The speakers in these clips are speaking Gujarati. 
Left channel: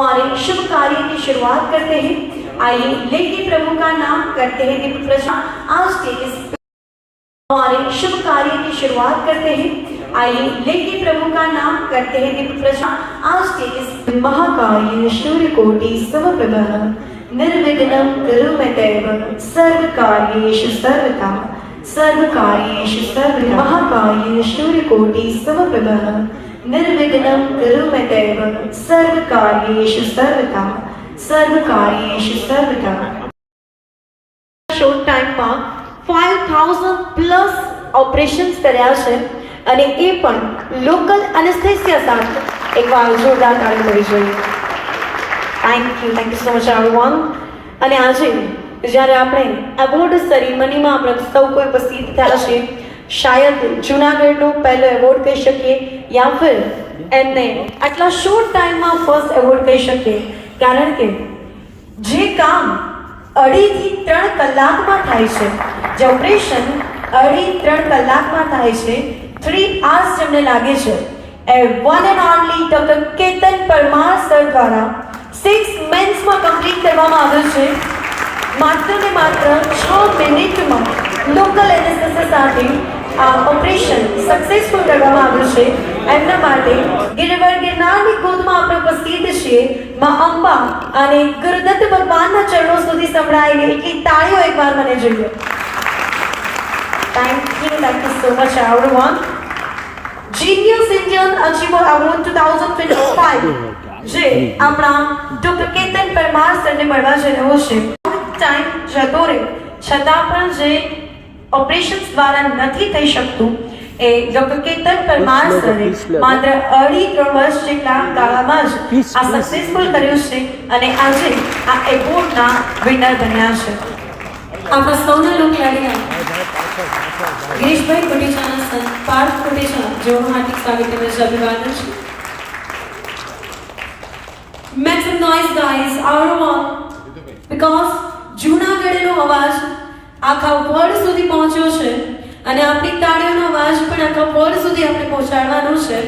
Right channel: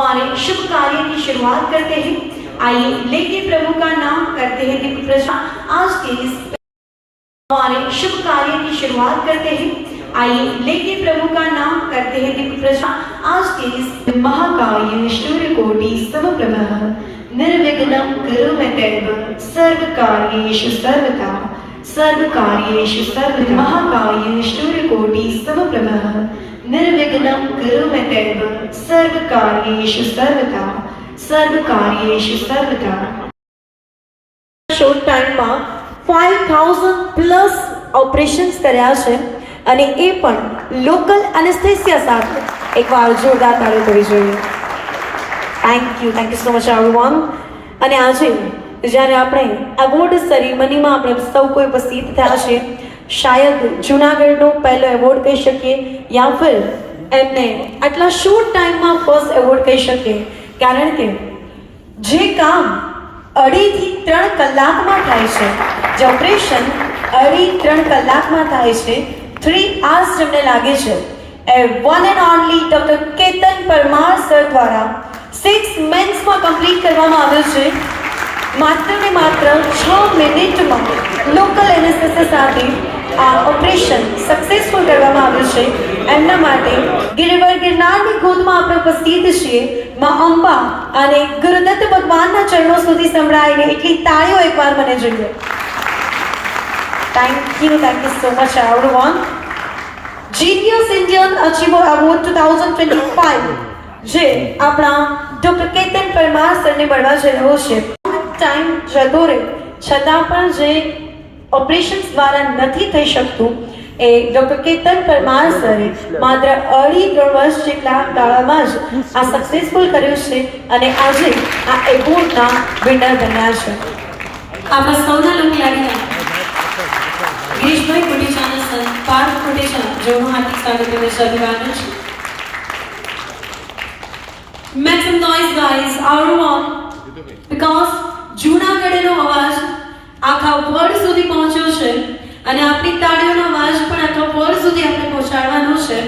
हमारे शुभ कार्य की शुरुआत करते हैं। आइए लेके प्रभु का नाम करते हैं दिव्य प्रश्न। आज के इस हमारे शुभ कार्य की शुरुआत करते हैं। आइए लेके प्रभु का नाम करते हैं दिव्य प्रश्न। आज के इस महाकाय सूर्यकोटि समप्रभः निर्विघ्नं करोम्यदेव सर्वकार्येषु सर्वदा सर्वकार्येषु सर्वदा महाकाय सूर्यकोटि समप्रभः निर्विघ्नं करोम्यदेव सर्वकार्येषु सर्वदा सर्वकार्येषु सर्वदा। શોર્ટ ટાઈમમાં 5000 પ્લસ ઓપરેશન્સ કર્યા છે અને એ પણ લોકલ એનેસ્થેસિયા સાથે. એકવાર જોરદાર તાળીઓ કરવી જોઈએ. Thank you so much everyone. અને આજે જ્યારે આપણે એવોર્ડ સેરેમનીમાં આપણે સૌ કોઈ ઉપસ્થિત થયા છે, શાયદ જૂનાગઢનો પહેલો એવોર્ડ કહી શકીએ યા ફિર એમને આટલા શોર્ટ ટાઈમમાં ફર્સ્ટ એવોર્ડ કહી શકીએ, કારણ કે જે કામ 2.5 થી 3 કલાકમાં થાય છે, જે ઓપરેશન 2.5-3 કલાકમાં થાય છે, 3 hours જેમને લાગે છે, એ one and only doctor Ketan Parmar sir દ્વારા 6 monthsમાં કમ્પ્લીટ કરવામાં આવ્યું છે. માત્ર ને માત્ર 6 મિનિટમાં લોકલ એનેસ્થેસિયા સાથે આ ઓપરેશન સક્સેસફુલ કરવામાં આવ્યું છે. એમના માટે ગિરનારની ગોદમાં આપણે ઉપસ્થિત છીએ. મા અંબા અને ગુરુદત્ત ભગવાનના ચરણો સુધી સંભળાયેલી એટલી તાળીઓ એકવાર મને જોઈએ. Thank you so much everyone. Genius Indian achiever award 2025 જે આપણા ડોક્ટર કેતન પરમાર સરને મળવા જઈ રહ્યો છે. ટાઈમ જતો રહે છતાં પણ જે ઓપરેશન્સ દ્વારા નથી થઈ શકતું એ ડોક્ટર કેતન પરમાર સરે માત્ર 2.5-3 વર્ષ જેટલા ગાળામાં જ આ સક્સેસફુલ કર્યું છે અને આજે આ એવોર્ડના વિનર બન્યા છે. આપણા સૌના લોક લાગ્યા ગિરીશભાઈ કોટેચાના સર, પાર્થ કોટેચા, જેઓ હાર્દિક સ્વાગતની શરૂઆત છે. Make some noise guys, everyone, because જૂનાગઢનો અવાજ આખા વર્લ્ડ સુધી પહોંચ્યો છે અને આપણી તાળીઓનો અવાજ પણ આખા વર્લ્ડ સુધી આપણે પહોંચાડવાનો છે.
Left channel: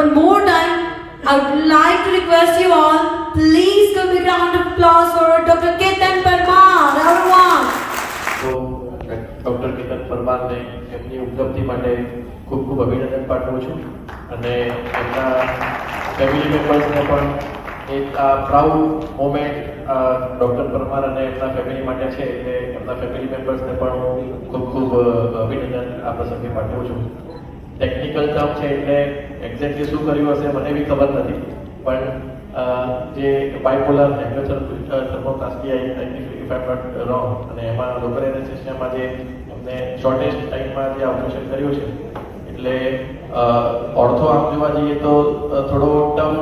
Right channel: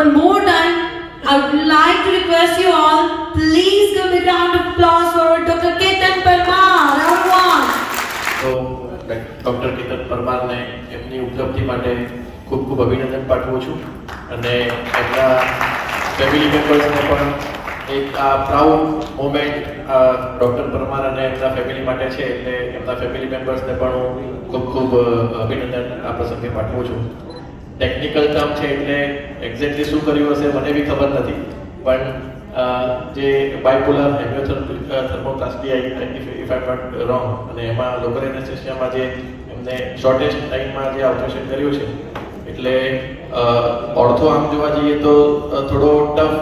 One more time, I would like to request you all, please give a round of applause for Dr. Ketan Parmar, everyone. તો ડૉક્ટર કેતન પરમારને એમની ઉપલબ્ધિ માટે ખૂબ ખૂબ અભિનંદન પાઠવું છું અને એમના ફેમિલી મેમ્બર્સને પણ એક આ પ્રાઉડ મોમેન્ટ ડૉક્ટર પરમાર અને એમના ફેમિલી માટે છે, એટલે એમના ફેમિલી મેમ્બર્સને પણ હું ખૂબ ખૂબ અભિનંદન આ પ્રસંગે પાઠવું છું. ટેકનિકલ ટર્મ છે એટલે એક્ઝેક્ટલી શું કર્યું હશે મને બી ખબર નથી, પણ જે bipolar thermoplasty if I am not wrong, અને એમાં લોકલ એનેસ્થેસિયામાં જે એમને શોર્ટેસ્ટ ટાઈમમાં જે ઓપરેશન કર્યું છે, એટલે ઓર્થો આમ જોવા જઈએ તો થોડો ટફ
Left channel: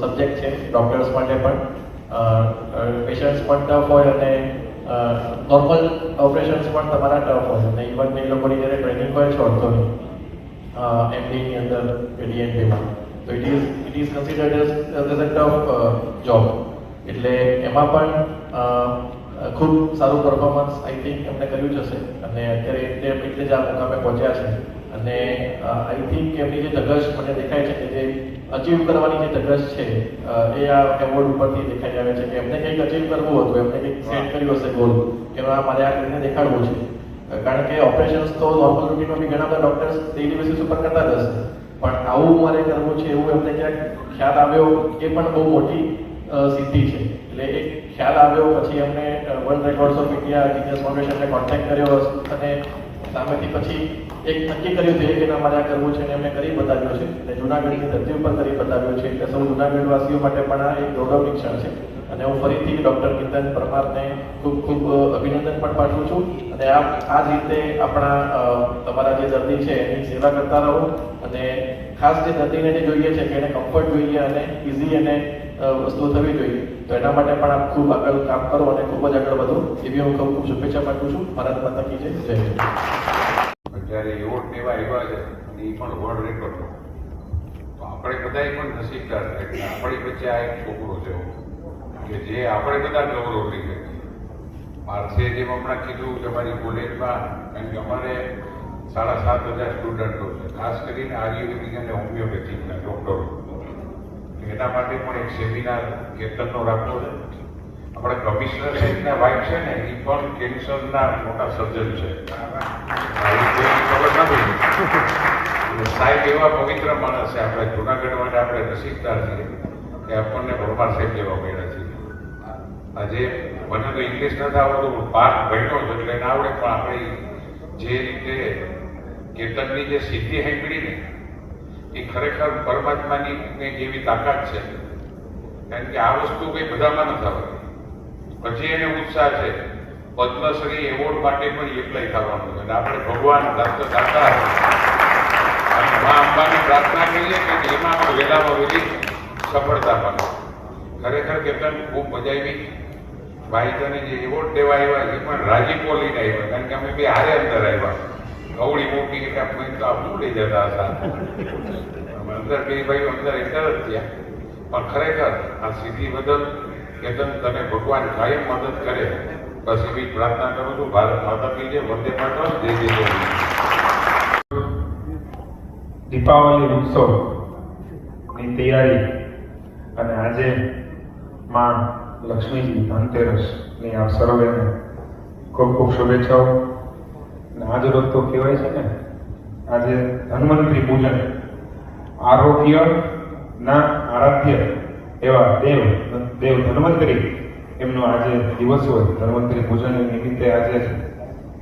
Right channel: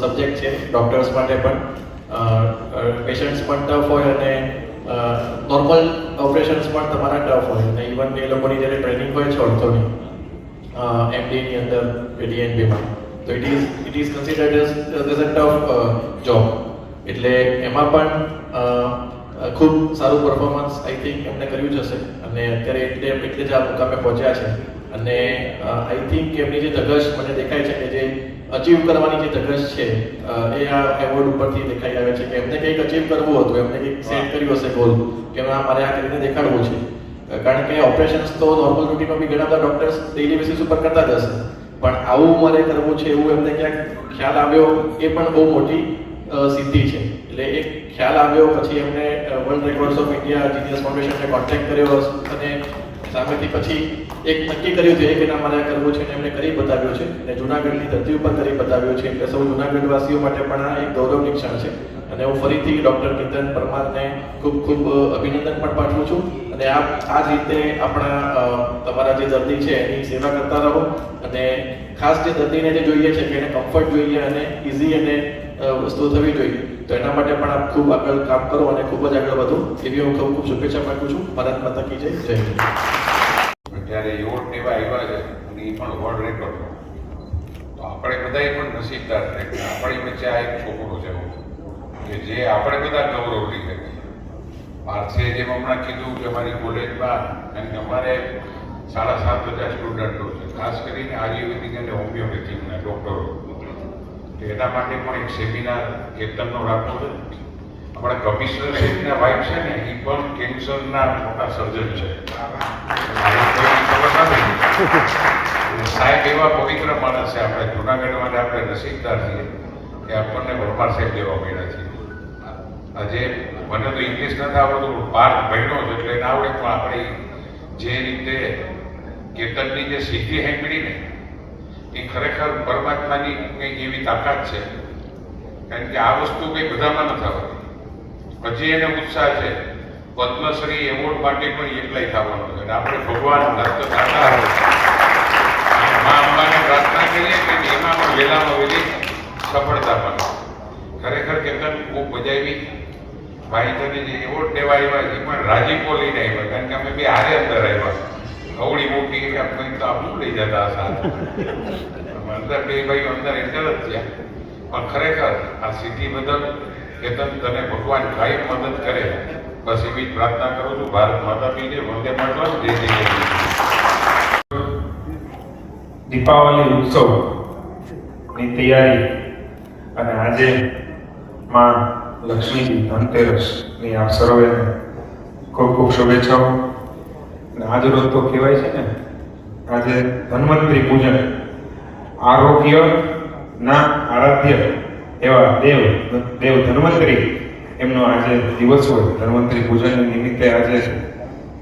સબ્જેક્ટ છે ડૉક્ટર્સ માટે પણ. પેશન્ટ્સ પણ ટફ હોય અને નોર્મલ ઓપરેશન્સ પણ તમારા ટફ હોય અને ઇવન એ લોકોની જ્યારે ટ્રેનિંગ હોય છે ઓર્થોની એમડીની અંદર ડીએનબીમાં, તો it is considered as a tough job. એટલે એમાં પણ ખૂબ સારું પરફોર્મન્સ આઈ થિંક એમને કર્યું જ હશે અને અત્યારે એટલે જ આ મુકામે પહોંચ્યા છે. અને આઈ થિંક એમની જે ધગશ મને દેખાય છે કે જે અચીવ કરવાની જે ધગશ છે એ આ એવોર્ડ ઉપરથી દેખાઈ આવે છે કે એમને કંઈક અચીવ કરવું હતું, એમને કંઈક સેટ કર્યું હશે ગોલ કે મારે આ કરીને દેખાડવું છે. કારણ કે ઓપરેશન્સ તો નોર્મલ રૂટીનમાં બી ઘણા બધા ડૉક્ટર્સ ડેઇલી બેસિસ ઉપર કરતા જ હશે, પણ આવું મારે કરવું છે એવું એમને ક્યાંક ખ્યાલ આવ્યો, એ પણ બહુ મોટી સિદ્ધિ છે. એટલે એક ખ્યાલ આવ્યો, પછી એમને world records of India genius ફાઉન્ડેશનને કોન્ટેક્ટ કર્યો અને સામેથી પછી એક નક્કી કર્યું હતું કે મારે આ કરવું છે અને એમને કરી બતાવ્યો છે અને જૂનાગઢની ધરતી ઉપર કરી બતાવ્યો છે. એટલે સૌ જૂનાગઢવાસીઓ માટે પણ આ એક ગૌરવની ક્ષણ છે અને હું ફરીથી ડૉક્ટર કેતન પરમારને ખૂબ ખૂબ અભિનંદન પણ પાઠવું છું. અને આ જ રીતે આપણા તમારા જે દર્દી છે એની સેવા કરતા રહો અને ખાસ જે દર્દીને જે જોઈએ છે કે એને કમ્ફર્ટ જોઈએ અને ઇઝી અને વસ્તુ થવી જોઈએ, તો એના માટે પણ આપ ખૂબ આગળ કામ કરો અને ખૂબ જ આગળ વધો એવી હું ખૂબ ખૂબ શુભેચ્છા પાઠવું છું. ભારત માતા કી જય. જય હિન્દ. જ્યારે એવોર્ડ લેવા આવ્યા છે અને એ પણ વર્લ્ડ રેકોર્ડ, તો આપણે બધાએ પણ નસીબદાર છે કે આપણી વચ્ચે આ એક છોકરો છે કે જે આપણે બધા ગૌરવ લઈ શકીએ. પાર્થે જેમ હમણાં કીધું કે અમારી કોલેજમાં કારણ કે અમારે 7,500 સ્ટુડન્ટો છે, ખાસ કરીને આયુર્વેદિક અને હોમિયોપેથિકના ડૉક્ટરો, એમના માટે પણ એક સેમિનાર કેતનનો રાખવો છે. આપણા કમિશનર સાહેબના વાઇફ છે ને, એ પણ કેન્સરના મોટા સર્જન છે. આવી કોઈ ખબર નથી. સાહેબ એવા પવિત્ર માણસ છે. આપણે જુનાગઢ માટે આપણે નસીબદાર છીએ કે આપણને પરમાર સાહેબ જેવા મળ્યા છે. આજે મને તો ઇંગ્લિશ નથી આવડતું, 12 ભણ્યો છે એટલે ના આવડે, પણ આપણે જે રીતે કેતનની જે સિદ્ધિ સાંભળી ને, એ ખરેખર પરમાત્માની કંઈક એવી તાકાત છે. કારણ કે આ વસ્તુ કંઈ બધામાં નથી આવતી. પછી એને ઉત્સાહ છે પદ્મશ્રી એવોર્ડ માટે પણ એપ્લાય થવાનું છે. અને આપણે ભગવાન દાતા પ્રાર્થના કરીએ કે એમાં વહેલામાં વહેલી સફળતા મળે. ખરેખર કેતન ખૂબ મજા આવી. ભાઈ તને જે એવોર્ડ દેવા આવ્યા એ પણ રાજીપો લઈને આવ્યા, કારણ કે અમે બે હારે અંદર આવ્યા. કવડી મોટી એટલે આપણે તો આપણું લઈ જતા સાથે અંદર બે ભાઈ અંદર એટલે જ છે. પણ ખરેખર આ સિદ્ધિ બદલ કેતન તને ભગવાન કાયમ મદદ કરે, બસ એવી જ પ્રાર્થના કરું છું. ભારત માતા કી જય, વંદે માતરમ, જય જય ગણેશ. દીપાવલી ઉત્સવની તૈયારી અને આજે માં લક્ષ્મીજી ધનતેરસની આપ સર્વેને ખૂબ ખૂબ શુભેચ્છાઓ. અને આજ રોજ તો કહેવાય છે ને, આજે ધન્વંતરી પૂજન, આરોગ્યના આરાધ્ય એવા દેવ ધન્વંતરી એમનો આજે દિવસ હોય. ધન્વંતરી પૂજન નિમિત્તે આજે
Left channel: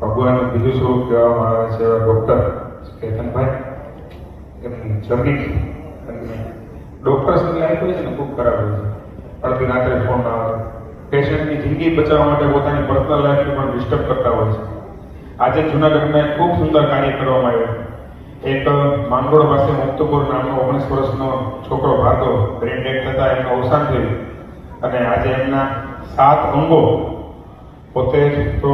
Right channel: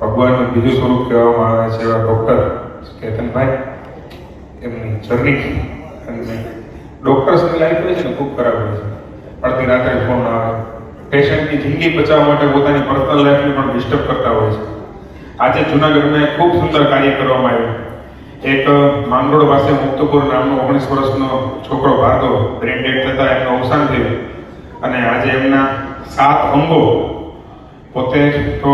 ભગવાનનું બીજું સ્વરૂપ કહેવામાં આવે છે એવા ડૉક્ટર કેતનભાઈ, એમની જર્ની અને ડૉક્ટર્સની લાઈફ હોય છે ને ખૂબ ખરાબ હોય છે. અડધી રાત્રે ફોન ના આવે, પેશન્ટની જિંદગી બચાવવા માટે પોતાની પર્સનલ લાઈફને પણ ડિસ્ટર્બ કરતા હોય છે. આજે જૂનાગઢમાં એક ખૂબ સુંદર કાર્ય કરવામાં આવ્યું. એક માંગરોળ પાસે મુક્તપુર નામનો 19 વર્ષનો છોકરો ભાર્ગવ બ્રેન ડેડ થતાં એમનું અવસાન થયું. અને આજે એમના 7 અંગો, પોતે તો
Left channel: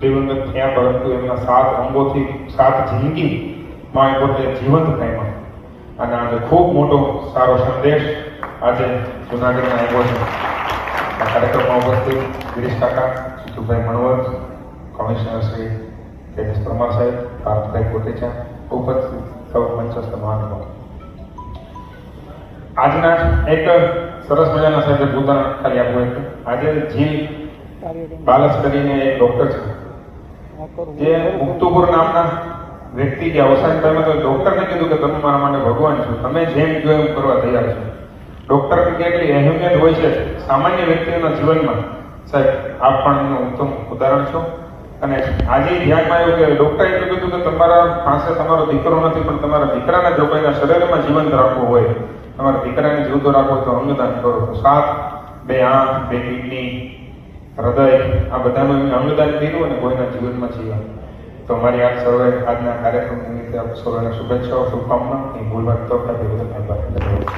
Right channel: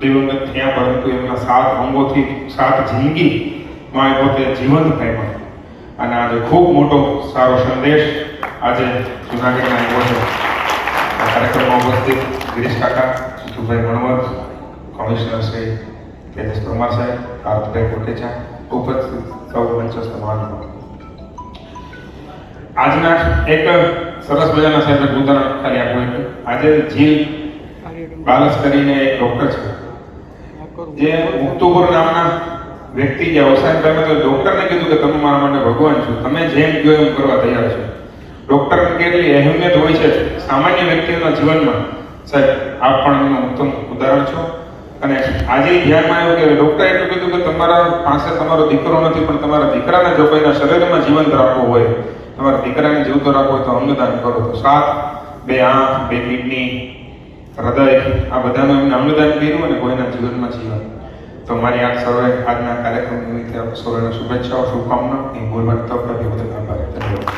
દિવંગત થયા પરંતુ એમના 7 અંગોથી 7 જિંદગીમાં એ પોતે જીવંત થયા. અને આજે ખૂબ મોટો સારો સંદેશ આજે જૂનાગઢમાં આવ્યો છે. આ કાર્યક્રમમાં ઉપસ્થિત ગિરીશ કાકા, જીતુભાઈ મણવર, કમિશનર શ્રી કેતેશ પરમાર સાહેબ, પાર્થભાઈ કોટેચા, ઉપસ્થિત સૌ મંચસ્થ મહાનુભાવો. આજના એક સરસ મજાના સાહેબ ઉદાહરણ ખાલી આપવું હતું. આજે જીલ બાલસ કરીને એક ડૉક્ટર છે, જે મુક્તુપુર નામના વ્યક્તિ જે અવસાન થયા તો ડૉક્ટરને કીધું કે તમે મારા માટે ભગવાન છો, તમે જેમ કહો એમ કરવા તૈયાર છો. ડૉક્ટરની કેટલી અહેમિયત હોય છે સામાન્ય વ્યક્તિઓના જીવનમાં. સાહેબ આપ પણ એમનું ઉત્તમ ઉદાહરણ છો. અને આજે ધ્યાનમાં આવ્યું કે ડૉક્ટરે એટલું કીધું કે તમારા પાસે તમારો દીકરો નથી, પણ તમારા દીકરાને જો કોઈના શરીરમાં જીવંત રાખવું હોય, તમારા દીકરાને જીવતો રાખવો હોય તો અંગદાન કરો. તો 7 2 આંખ, 2 કિડની, હૃદય, આ બધાનું એમને અંગદાન કર્યું અને કોઈના જીવનમાં જીવન. તો મારી આપ સર્વે આજના કાર્યક્રમ નિમિત્તે આપ સર્વેને શુભેચ્છાઓ, શુભકામના. એ બોલવાની તક હતી, બધું આભાર. ધન્યવાદ.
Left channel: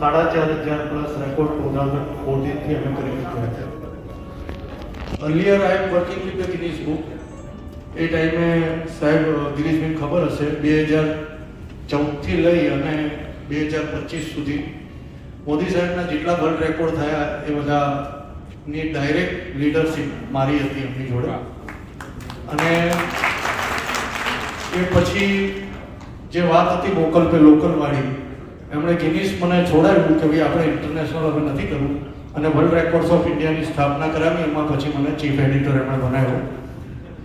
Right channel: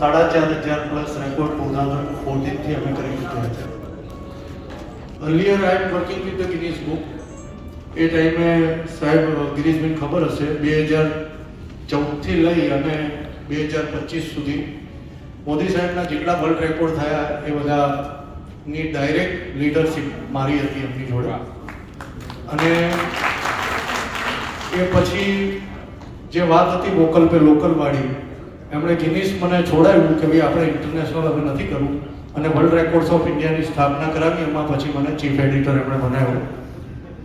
4,500 પ્લસ રેકોર્ડ 2014 થી અમે કરી ચૂક્યા છે. Earlier I am working with the Guinness Book. એ ટાઈમે સાહેબ ગિરીશભાઈ ખબર હશે 2014 થી લઈ અને 2025 સુધી મોદી સાહેબના જેટલા વર્લ્ડ રેકોર્ડ થયા એ બધાની ડાયરેક્ટ લીડરશિપ મારી હતી એમની જોડે. અને એ પછી જે વાત હતી વોકલ પે લોકલ વાળી, એમણે ગિનીસ મને છોડાવ્યું કે ભાઈ આપણે ઇન્ટરનેશનલ હવે નથી કરવું, અને વર્લ્ડ રેકોર્ડ્સ ઓફ ઇન્ડિયાની સ્થાપના કરાવી. એમાં પછી મને ચીફ એડિટર એમણે બનાવ્યો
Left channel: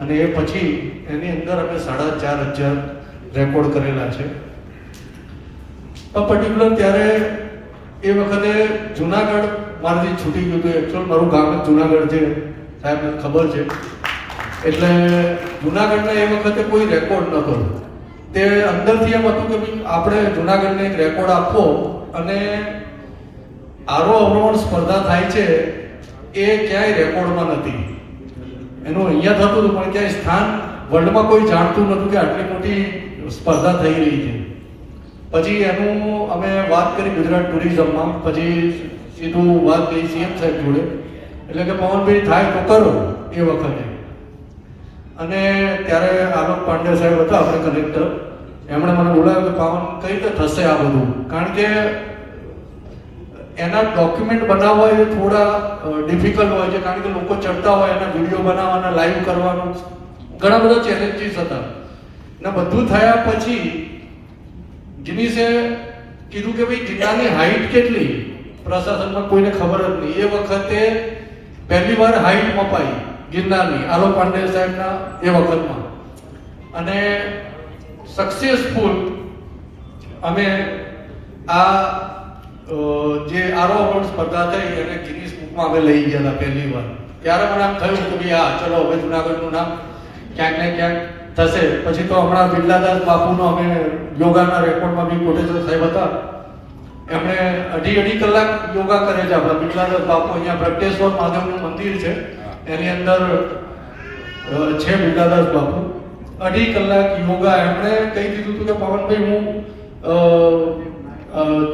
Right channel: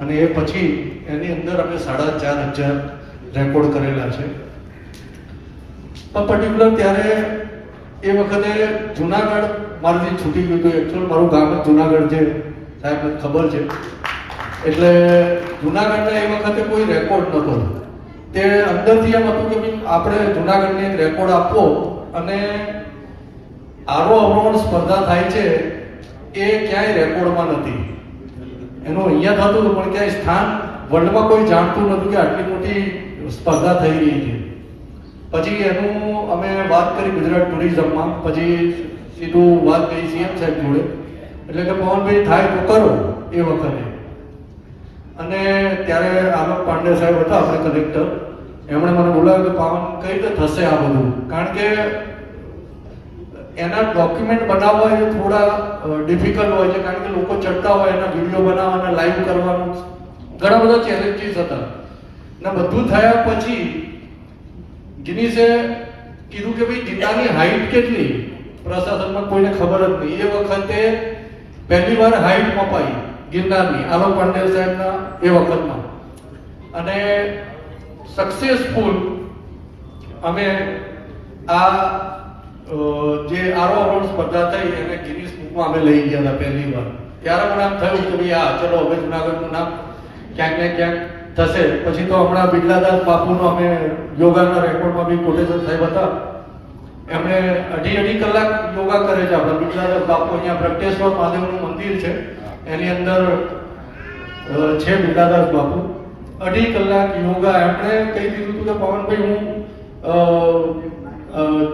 અને એ પછી એની અંદર અમે 4,500 રેકોર્ડ કરેલા છે. પર્ટિક્યુલર ત્યારે એ વખતે જુનાગઢ મારાથી છૂટી ગયું હતું. એકચ્યુઅલ મારું ગામ જ જુનાગઢ છે, સાહેબને ખબર છે. એટલે જુનાગઢના એ વખતે કોઈ રેકોર્ડ નહોતો. તે અંદરથી એમ હતું કે આપણે જુનાગઢને એક રેકોર્ડ આપવો, અને આરોહણ સ્પર્ધા થાય છે એ ક્યાંય રેકોર્ડમાં નથી. એનું અહીંયા થતું હતું પણ ક્યાંય સ્થાન વર્લ્ડમાં કોઈ જાણતું નહોતું કે આટલી મોટી સ્પર્ધા થઈ રહી છે. પછી એનું અમે વાત કરી ગુજરાત ટુરિઝમમાં, પછી સીધું વાત કરી સીએમ સાહેબ જોડે. એટલે કે પવનભાઈ થાય તો કરો એ વખતે. અને ત્યારે આલોક પાંડે સાહેબ હતા આપણે કલેક્ટર, એમણે મને બોલાવ્યું કે પાવન કઈ રીતે થશે આ બધું, કારણ કે એના ડોક્યુમેન્ટ બનાવવા એ થોડા ડિફિકલ્ટ હોય છે, કારણ કે લોકો ચડતા હોય, એના વિડીયો બનાવવાના, લાઈવ કરવાનું, ઘણા બધા ચેલેન્જીસ હતા. ને બધું થયા પછી ગિનીસે કીધું કે ભાઈ ગિરનારની હાઈટ કેટલી, પ્રશાસનમાં કોઈને ખબર જ નહીં. એ વખતે પહેલી વાર હાઈટ મપાઈ ગિરનારની આલોક પાંડે સાહેબના એ વખતમાં, અને સક્સેસફુલ અમે આ જે આરોહણ સ્પર્ધા થઈ એને ગિનીસ બુકમાં અમે લઈ ગયા હતા પહેલી વાર. ત્યારે મને આમ થયું કે ભાઈ આ ચલો હવે જુનાગઢનું નામ ક્યાંક ને ક્યાંક થશે. પછી તો હમણાં બિરલાદાસ બાપુનો અમે યોગાના રેકોર્ડમાં બી કોટેશ્વર સાહેબ હતા, એમણે અઢી કલાક યોગા કરે છે. આપણા બિરલાદાસ બાપુ અહીંયા પ્રગટેશ્વર મહાદેવનું મંદિર છે એની અંદર છે બિરલાદાસ બાપુ. 2.5 કલાક યોગા એમણે કહી દીધું હતું કે પવનભાઈ હું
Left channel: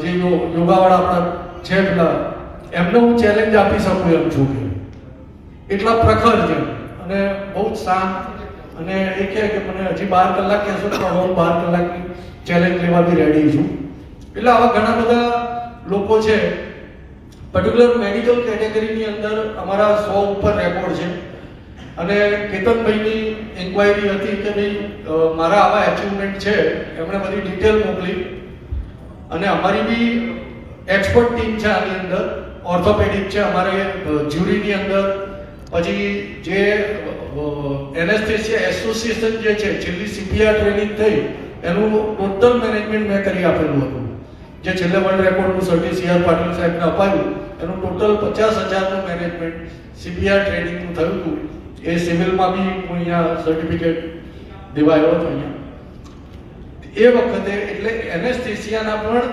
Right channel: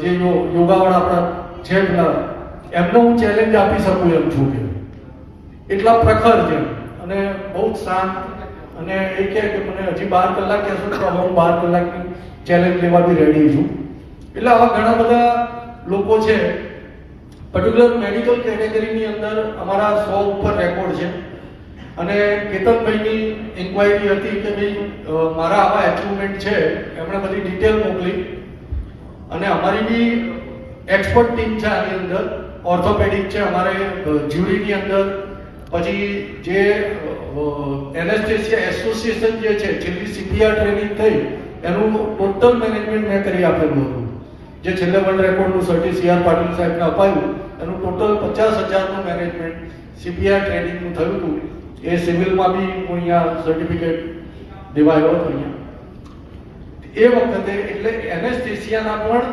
જે યોગાવાળા આપણા છે એમને હું ચેલેન્જ આપી શકું એમ છું કે એટલા પ્રખર છે અને બહુ જ શાંત. અને એ કહે કે મને હજી 12 કલાક કહેશો તો હવે હું 12 કલાકની ચેલેન્જ લેવા બી રેડી છું. એટલે આવા ઘણા બધા લોકો છે. પર્ટિક્યુલર મેડિકલ કેટેગરીની અંદર અમારા 100 ઉપર રેકોર્ડ છે. અને કેતનભાઈની ઇન્ક્વાયરી હતી કે ભાઈ મારા આવા એચિવમેન્ટ છે, એમણે બધી ડિટેલ મોકલી. અને અમારી બી એક્સપર્ટ ટીમ છે આની અંદર, ઓર્થોપેડિક છે અમારે જ્યુરીની અંદર. પછી જે એનેસ્થેસિયા એસોસિએશન જે છે, છેલ્લી સીપીઆર ટ્રેનિંગ થઈ એનું ટોટલ મેનેજમેન્ટ મેં કરી આપેલું હતું. જે છેલ્લે વર્લ્ડ રેકોર્ડનું સર્ટી સીઆર પાટીલ સાહેબને અપાયું એનું ટોટલ 50,000નું મેનેજમેન્ટ સીપીઆર ટ્રેનિંગનું થયું હતું. એ સિવિલમાં બી હું અહીંયા સર્ટિફિકેટ દેવાયો હતો અહીંયા એ વખતે. એટલે એનેસ્થેસિયાના પણ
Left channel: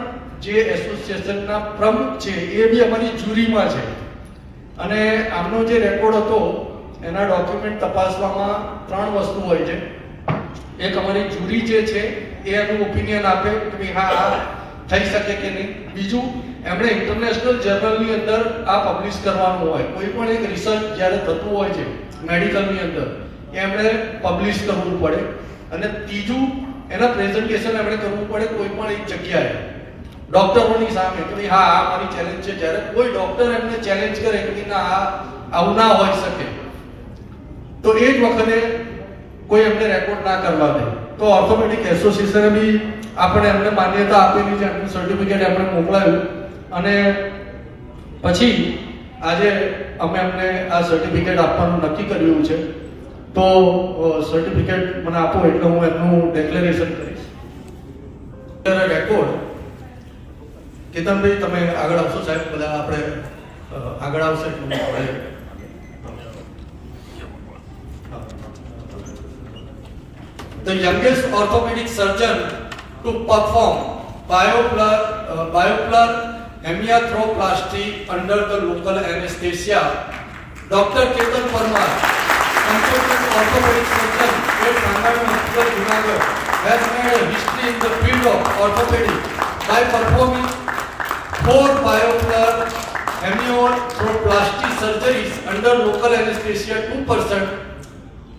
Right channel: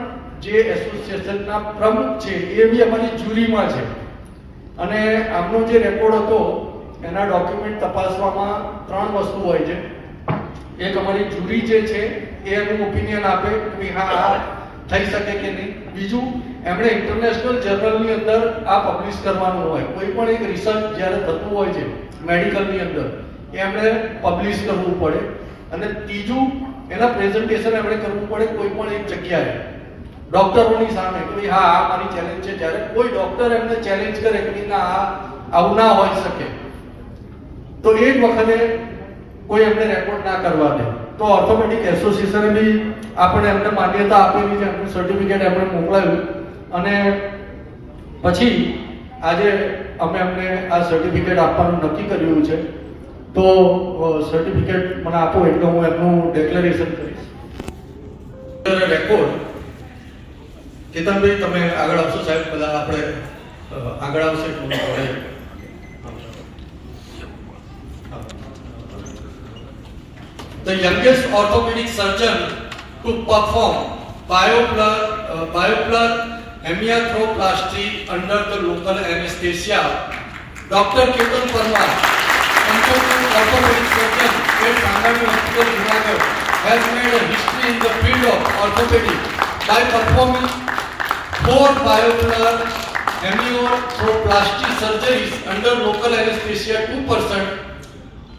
જે એસોસિએશનના પ્રમુખ છે એ બી અમારી જ્યુરીમાં છે. અને આમનો જે રેકોર્ડ હતો એના ડોક્યુમેન્ટ તપાસવામાં 3 વસ્તુ હોય છે. એક અમારી જ્યુરી જે છે એ એનું ઓપિનિયન આપે કે ભાઈ હા આ થઈ શકે કે નહીં. બીજું એમણે ઇન્ટરનેશનલ જર્નલની અંદર આ પબ્લિશ કરવાનું હોય. કોઈ પણ એક રિસર્ચ જ્યારે થતું હોય છે મેડિકલની અંદર એમણે પબ્લિશ કરવું પડે. અને ત્રીજું એના પ્રેઝન્ટેશન એમણે કરવું પડે કોઈ પણ એક જગ્યાએ ડોક્ટરોની સામે કે ભાઈ હા આ મારી ચેલેન્જ છે. જ્યારે કોઈ ડોક્ટર એમને ચેલેન્જ કરે કે ના આવું ના હોઈ શકે તો એ જ વખતે કોઈ એમને રેકોર્ડ ના કરવા દે. તો ઓર્થોપેડિક એસોસિએશને બી આપણે એમને માન્યતા આપેલી છે, એમનું સર્ટિફિકેટ એમણે મોકલાયું. અને પછી આજે અમે એમને આ સર્ટિફિકેટ આપવાનું નક્કી કર્યું છે. તો સર્ટિફિકેટ મને આપો એટલે હું એમનું ડિક્લેરેશન કરીશ. રેકોર્ડ કેતનભાઈ તમે આગળ આવશો સાહેબ, બધા આપણે આગળ આવશે. The youngest orthopedic surgeon to perform bioplug hemiarthroplasty under the local anesthesia, Dr. Ketan Parmar, consultant orthopedic surgeon at Sangami Hospital, Junagadh, has made a history in the field of orthopedics by performing 4 bioplug hemiarthroplasty surgeries under local anesthesia 2%.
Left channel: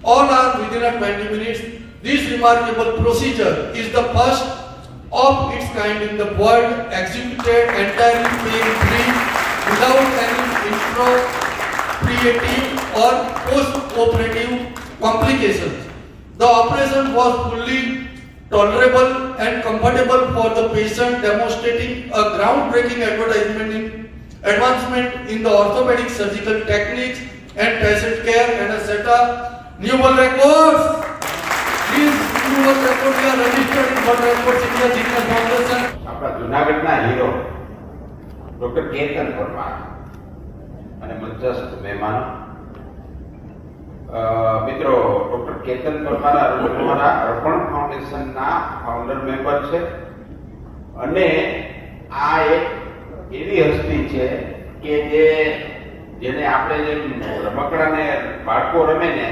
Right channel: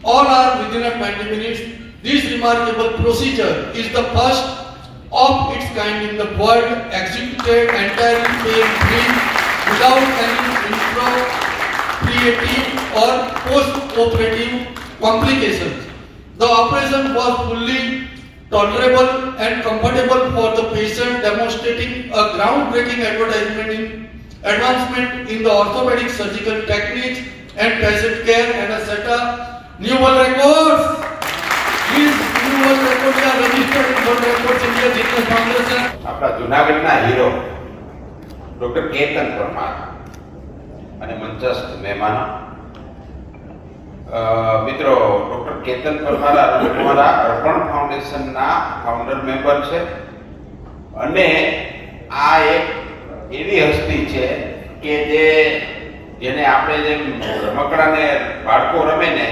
All are within a 20 minutes. This remarkable procedure is the first of its kind in the world, executed entirely pain-free without any intraoperative or post-operative complications. The operation was fully tolerable and comfortable for the patient, demonstrating a groundbreaking advancement in the orthopedic surgical techniques and patient care, and a set of new world records. These new world records are registered in World Records India Fitness Foundation. આપણા જુનાગઢના હીરો ડોક્ટર કેતન પરમાર અને મંચસ્થ મહેમાનો મિત્રો, ડોક્ટર કેતન પરમાર અમારા અર્પણ ફાઉન્ડેશનના ફાઉન્ડર મેમ્બર છે. અને આ એક એવી હસ્તી છે કે જેને આપણે જેમ રમકડાને બાળકો રમે ને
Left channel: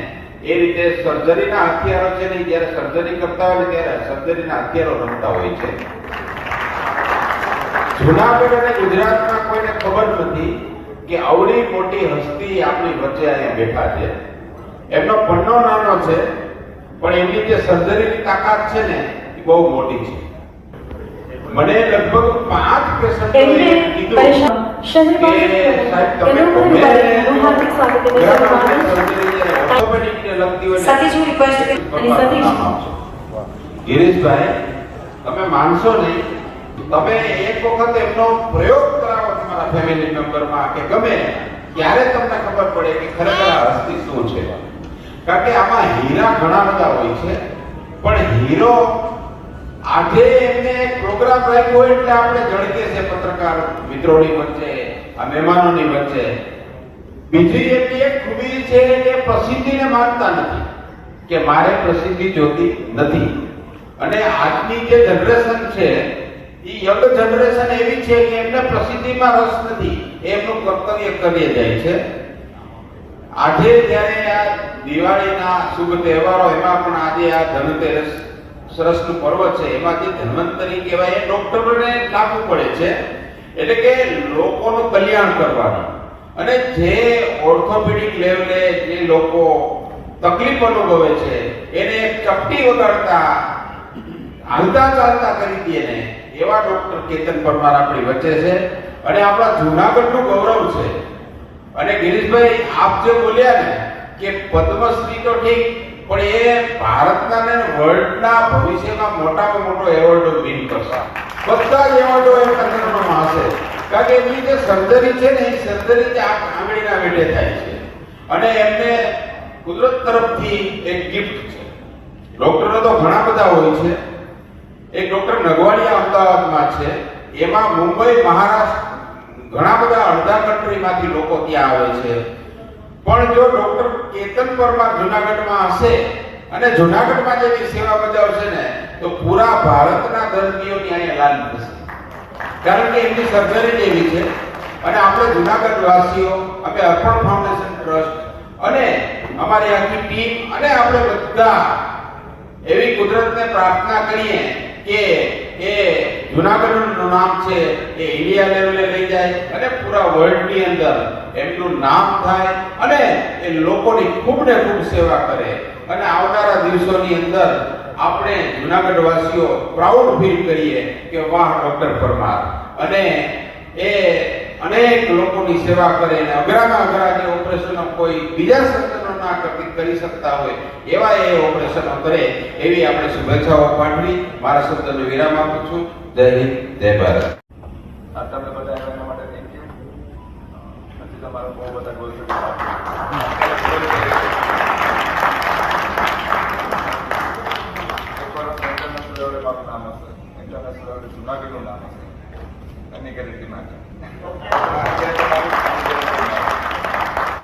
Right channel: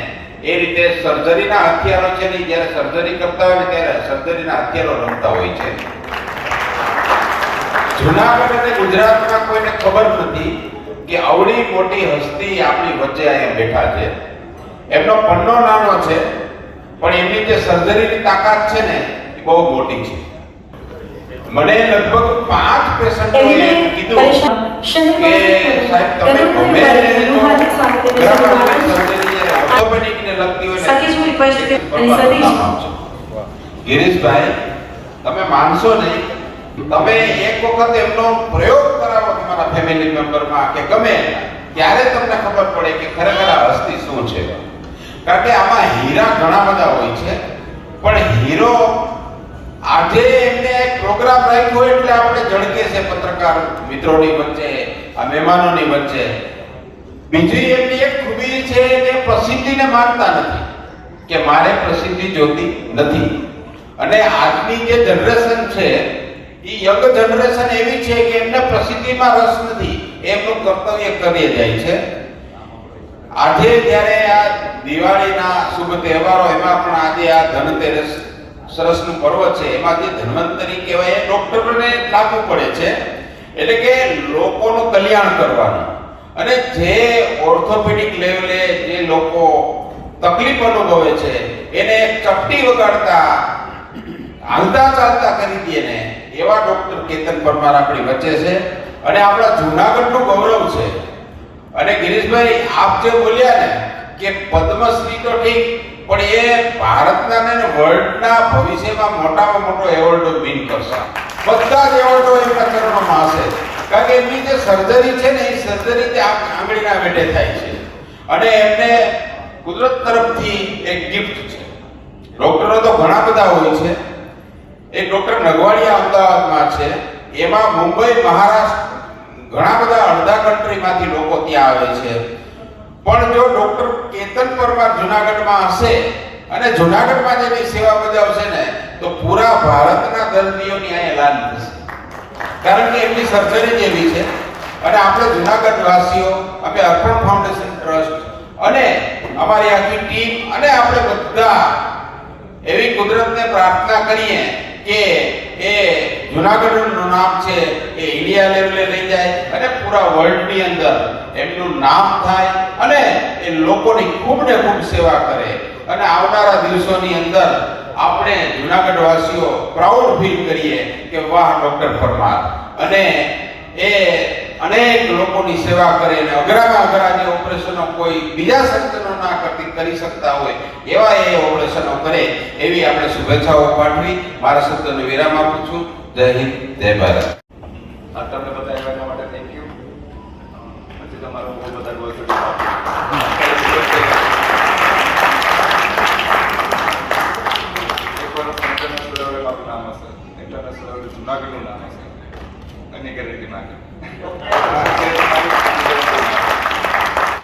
એ રીતે સર્જરીના હથિયારો છે ને, જ્યારે સર્જરી કરતા હોય ને ત્યારે સર્જરીના હથિયારો રમતા હોય છે. જુનાગઢ અને ગુજરાતમાં કોઈને ખબર નથી કે આવડી મોટી હસ્તી આપણી વચ્ચે અહીંયા બેઠા છે. એમનો પન્નો નાનો છે પણ એમની જે સર્જરીની તાકાત છે ને એ બહુ મોટી છે. મને લગભગ 5 પેશન્ટોએ કીધું કે સાહેબ તમે ગમે સર્જરી ઓર્થોપેડિકને લગતી હોય ને ગિરીશભાઈ તમે માનશો નહીં, તમે એક વખત એમનો પ્રયોગ કરાવો તમારા ફેમિલી મેમ્બરમાં કે ગમે ત્યારે તમને ખબર પડે કે ખરેખર આ વસ્તી શું છે. કારણ કે આમાં હીરા ઘણા બધા હોય છે, પણ હીરો આજે એમને એક પ્રોગ્રામ રાખ્યો એટલે આપણે જળકે છે પત્રકાર મિત્રોની વચ્ચે, આ મહેમાનોની વચ્ચે. બીજી એમની એક ખૂબી છે કે પ્રસિદ્ધિને માનતા નથી, કે મારે પ્રસિદ્ધિ જોતી નથી. અને આજની જે જનરેશન છે એ યંગ જનરેશન એવી છે કે એમને પ્રસિદ્ધિમાં રસ નથી, એમનું કર્તવ્ય કરી જાય છે. આજે જ્યારે આ દિવાળીના શુભ તહેવારો, એમાં પણ આજે આ ધનતેરસ સરસનું પર્વ છે, એમાં જે ધન્વંતરી કહેવાય એ ડોક્ટરોને લાગુ પડે છે. એટલે કે લોકોનું કલ્યાણ કરવાનું. અને જે ઓર્થોપેડિક લેવલે જે લોકો તકલીફ અનુભવે છે એને ચપટી વગાડતા હાલતા ચાલતા કરી દે ને એવા ડોક્ટર કેતન પરમાર આપણી વચ્ચે છે. અને આપણા જૂનાગઢનું ગૌરવ છે. અને ગિરીશભાઈ, આપ જે બોલ્યા ને કે પદ્મશ્રી તો ઠીક, પણ એ ભારતના ને વર્લ્ડના ભવિષ્યમાં મોટામાં મોટો એવોર્ડ વિન કરશે. બધા જ એવોર્ડો એમના ચરણોમાં હશે. કારણ કે એમની જે સર્જરી છે ને એ સર્જરી તે આંગળીના વેઢે થાય છે. અને એમને કુદરત તરફથી એક ગિફ્ટ છે. ડોક્ટરો તો ઘણા બધા હોય છે. એક ડોક્ટર નગવાડિયા અમદાવાદમાં છે, એમાં મુંબઈ, મહારાષ્ટ્ર ઘણા બધા અડધા કન્ટ્રીમાંથી લોકો ત્યાં આવે છે. પણ જો ડોક્ટર કેતન પરમાર જુનાગઢમાં હશે અને જુનાગઢમાં જેની સેવા બજાવશે ને તો પૂરા ભારતના દર્દીઓની અહીંયા લાલ થશે. કારણ કે એમની સર્જરી જ એવી છે. અને આપણે જુનાગઢ વાસીઓ, અમે અર્પણ ફાઉન્ડેશન ટ્રસ્ટ અને અમારી આખી ટીમ અને આપણે બધા એવી કુદરતને પ્રાર્થના કરીએ કે એ જુનાગઢનું નામ છે એ ઇન્ડિયા લેવલે લઈ જાય અને પૂરા વર્લ્ડની અંદર એમનું નામ થાય અને એ લોકોની ખૂબ ને ખૂબ સેવા કરે. અને આવનારા દિવસોની અંદર આપણે જુનાગઢ વાસીઓ પ્રાઉડ ફીલ કરીએ કે વાહ, ડોક્ટર પરમાર. અને એ અનેક લોકોની સેવા કરે અને અઘરામાં અઘરા જે ઓપરેશનો કોઈ બીજા સર્જનો ના કરી શકતા હોય એવા એ ઓપરેશનો કરે, એવી આપણે શુભેચ્છાઓ પાઠવી મારા શબ્દોને વિરામ આપું છું. જય હિન્દ, જય ભારત.